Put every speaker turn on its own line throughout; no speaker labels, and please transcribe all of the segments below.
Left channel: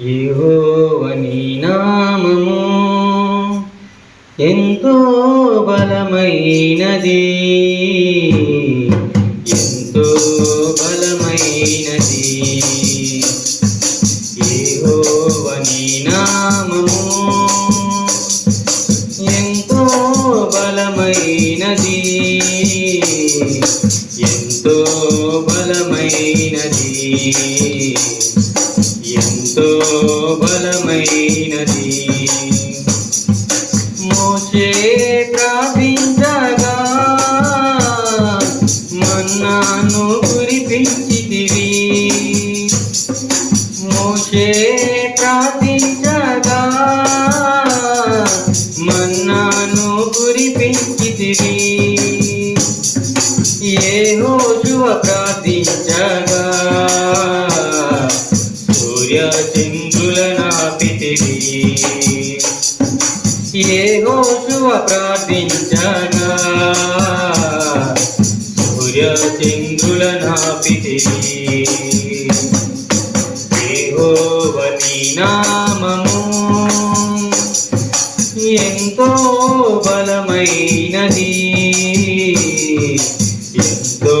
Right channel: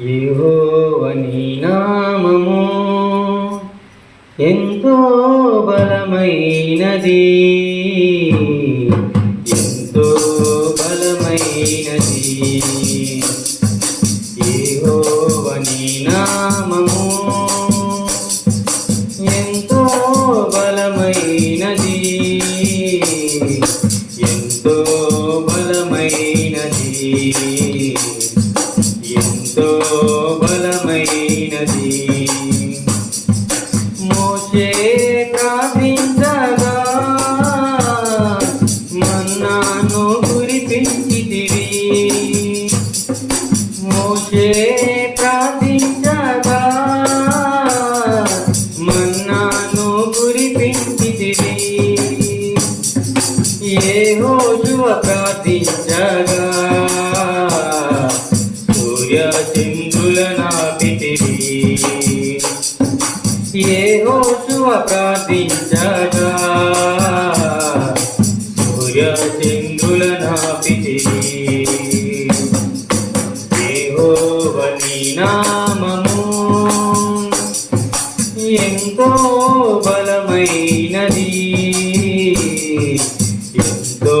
యెహోవని నామము ఎంతో బలమైనది. ఎంతో బలమైనది. యెహోవని నామము ఎంతో బలమైనది. చంద్రుల నాపితివి ఏ రోజు ప్రార్థించగా సూర్య చంద్రుల నాపితివి యెహోవని నామము. ఎంతో బలమైనది. ఎంతో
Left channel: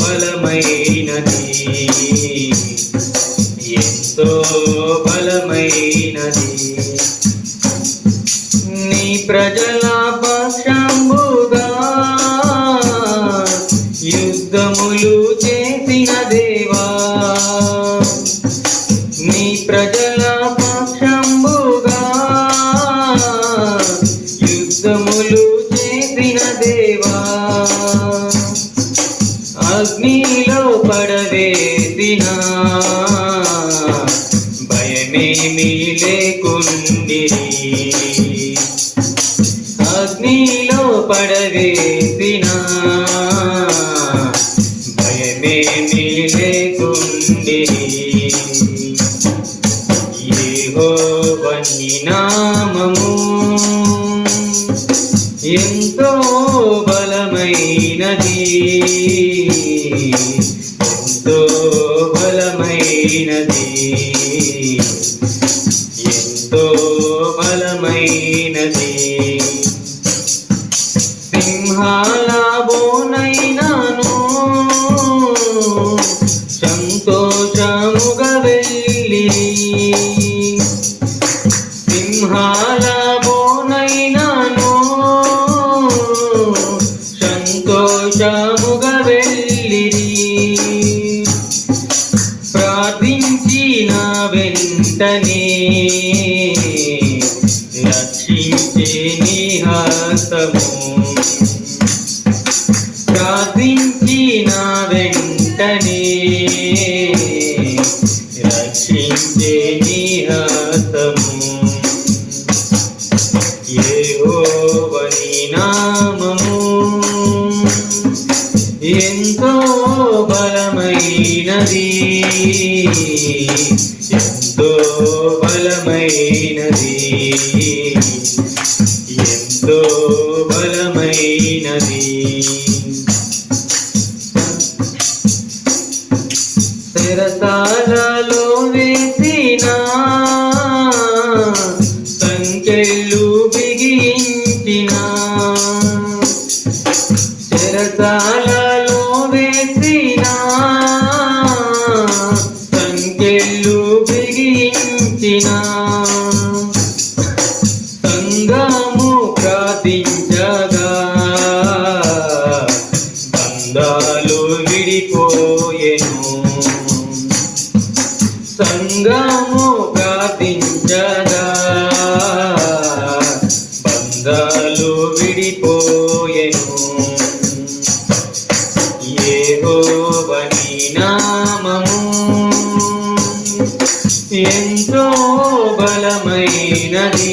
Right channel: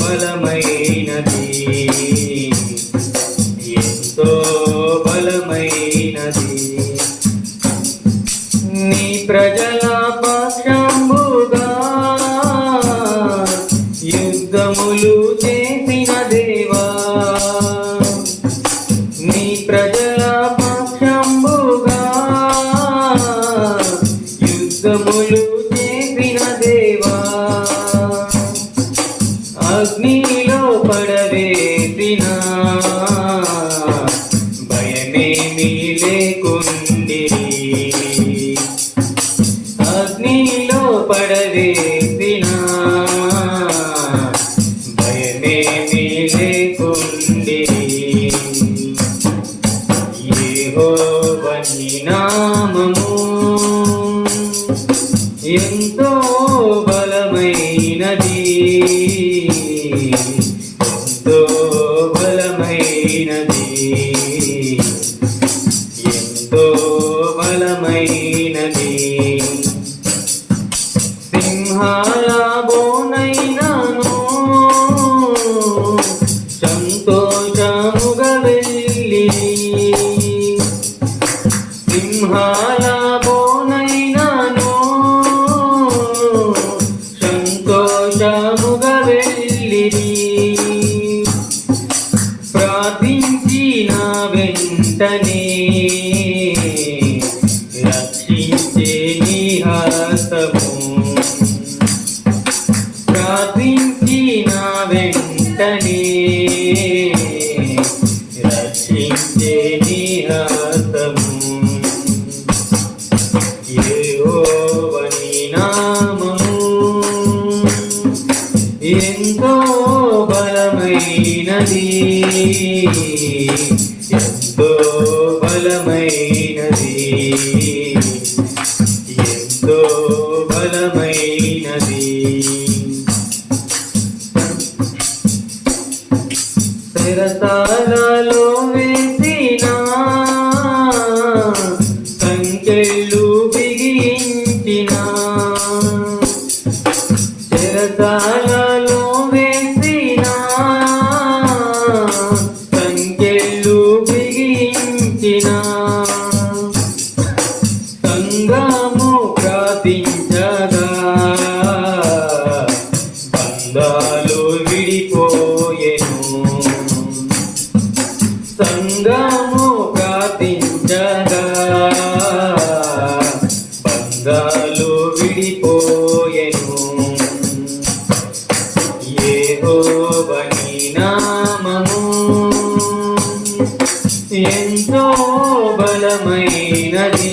బలమైనది. యుద్ధములు చేసిన దేవా నీ ప్రజల పక్షంబుగా యుద్ధములు చేసిన దేవా అగ్నిలో పడవేసిన భయమేమీ లేకుండి అగ్నిలో పడవే ఎంతో బలమైనది ప్రార్థించిన వెంటనే రక్షించే నీ హస్తము ప్రార్థించిన వెంటనే రక్షించే నీ హస్తము బలమైనది బలమైనది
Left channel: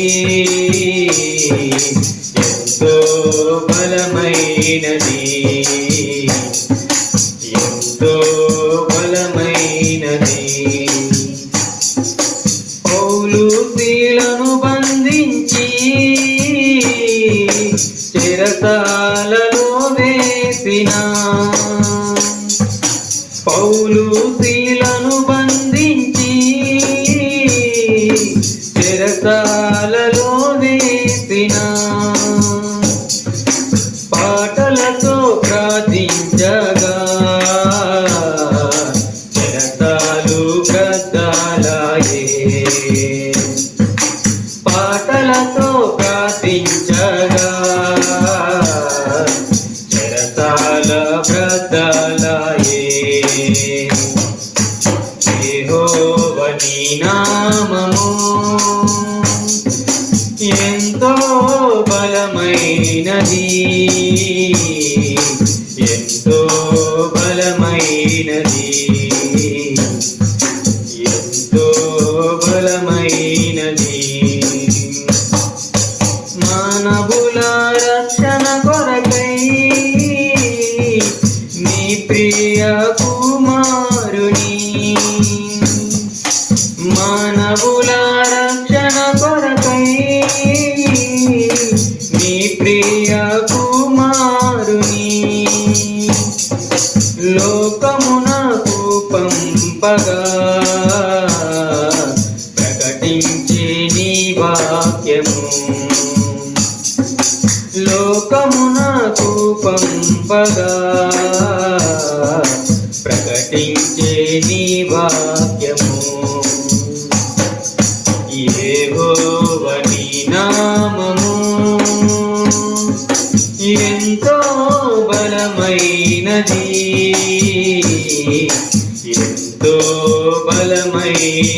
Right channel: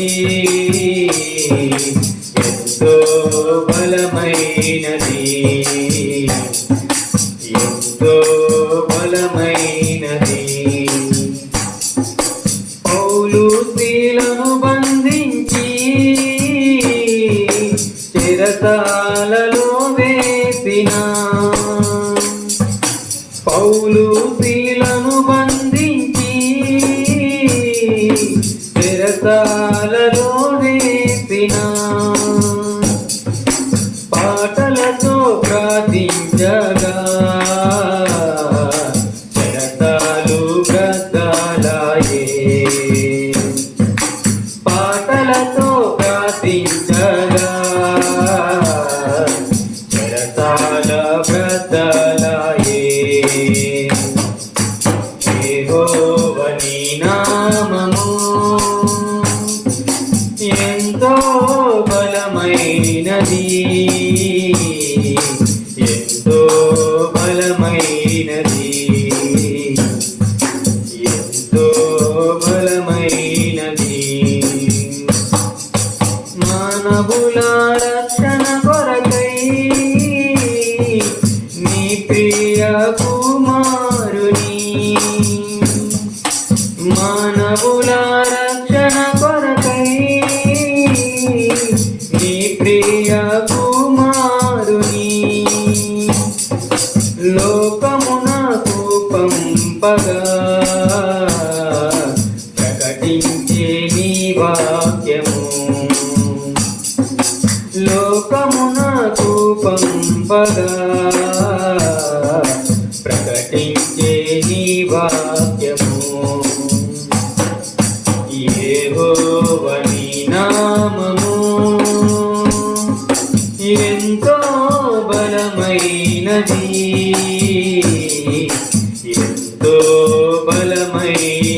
వాక్యము లోకమునకు పంపగా ప్రకటించే నీ వాక్యము. ఏవోవని నామము. ఎంతో బలమైనది ఎంతో బలమై